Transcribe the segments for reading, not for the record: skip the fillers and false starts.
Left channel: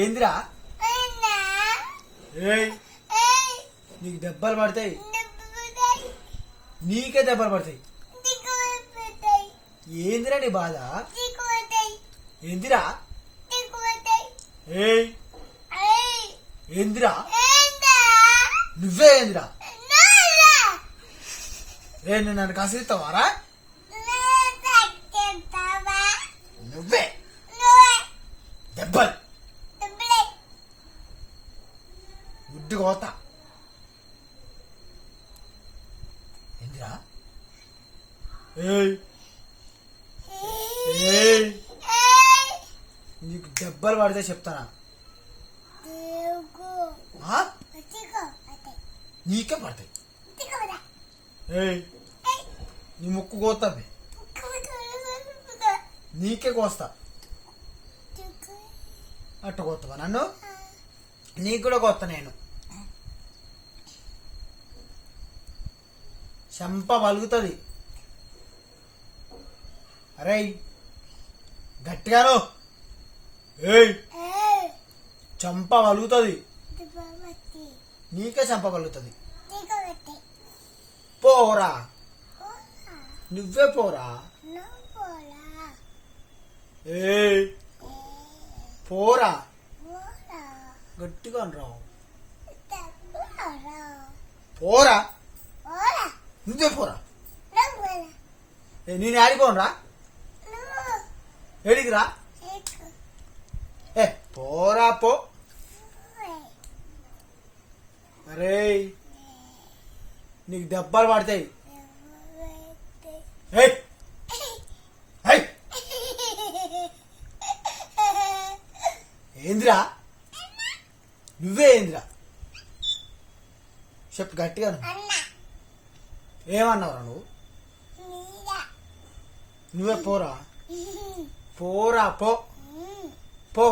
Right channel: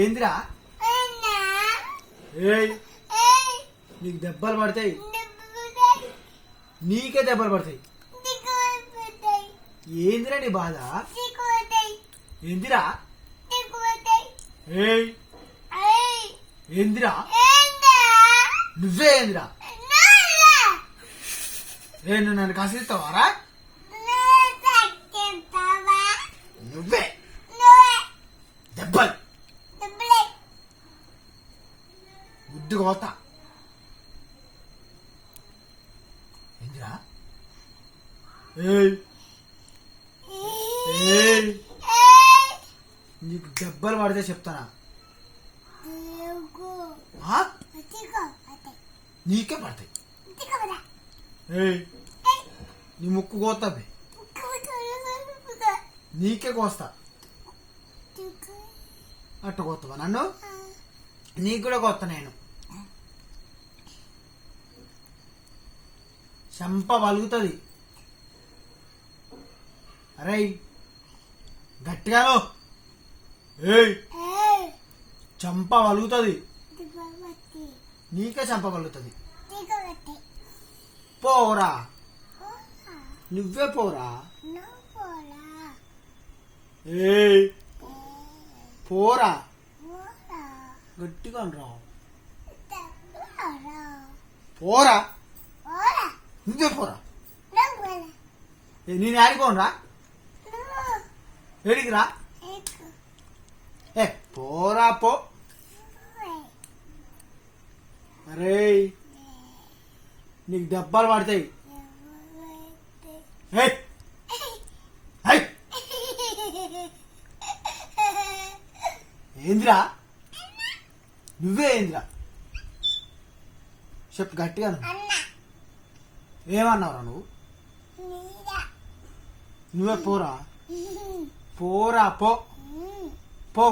ఏందిరా? ఏయ్ నీకు దెబ్బలు పడతాయి, నీకే దెబ్బలు పడతాయి. ఏందిరా నీ బాధ? ఏందిరా? ఏయ్ ఏందిరా? నువ్వే ఏందిరా? నువ్వు నన్ను కసిరిస్తావారా? నువ్వే దెబ్బలు గుడ్డు కోత. ఏందిరా? ఏయ్ ఏయ్ నీకు దెబ్బలు పడితే చెప్తానా? నీకే పడతాయి. ఏయ్ నీ ముక్కు కోస్తుంది, నీకే కోస్తా. అట్ట కోస్తావా నన్ను? నీకు కూడా కోస్తా నేను. చెంప పలుగుతుంది. అరే గట్టిగాను. ఏయ్ చెంప పలుగుతుంది, నీకే చెంప పలుగుతుంది. పోరా, నువ్వే పోరా. ఏయ్ పోరా, గట్టిగా రావు. పోరా, నువ్వే పోరా. నేను ఆడిపోనురా, ఏడికిరా? ఏ పోరా పో. అరే నీకు దెబ్బలు పడతాయి. ఏందిరా? నువ్వే ఏందిరా? చెప్పు గట్టిగా. ఏమన్నావురా నువ్వు? నువ్వే పోరా. పోరా పో పో.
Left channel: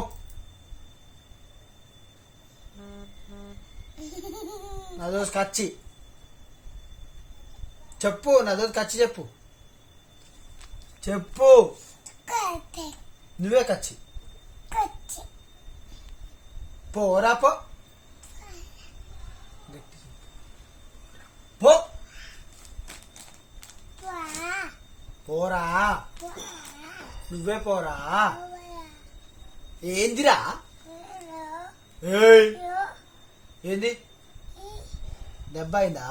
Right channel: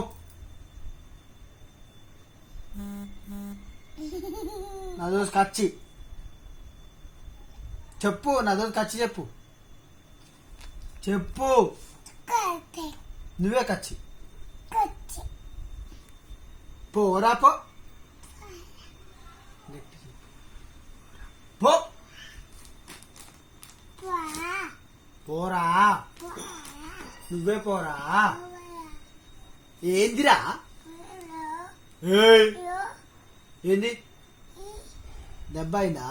నా దోస్ కచ్చి చెప్పు, నా దోస్ కచ్చి చెప్పు. చెప్పు, నువ్వే కచ్చి. పోరా పో పో. పోరా, నువ్వే పోరా. ఏందిరా? ఏంది? దెబ్బ అయిందా?